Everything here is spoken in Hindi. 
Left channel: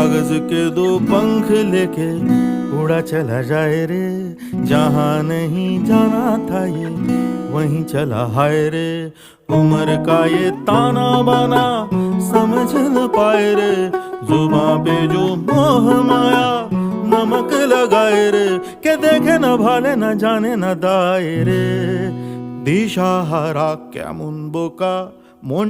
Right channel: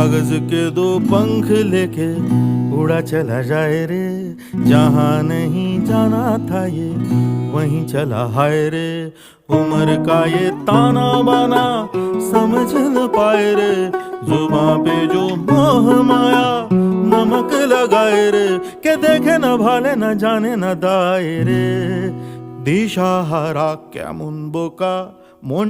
कागज के दो पंख लेके उड़ा चला जाए रे, जहां नहीं जाना था ये वहीं चला हाय रे। उम्र का ये ताना बाना समझ न पाए रे, जुबां पे जो मोह माया नमक लगाए रे, के देखे न भाले न जाने न दाए रे। दिशा हारा केमन बोका मन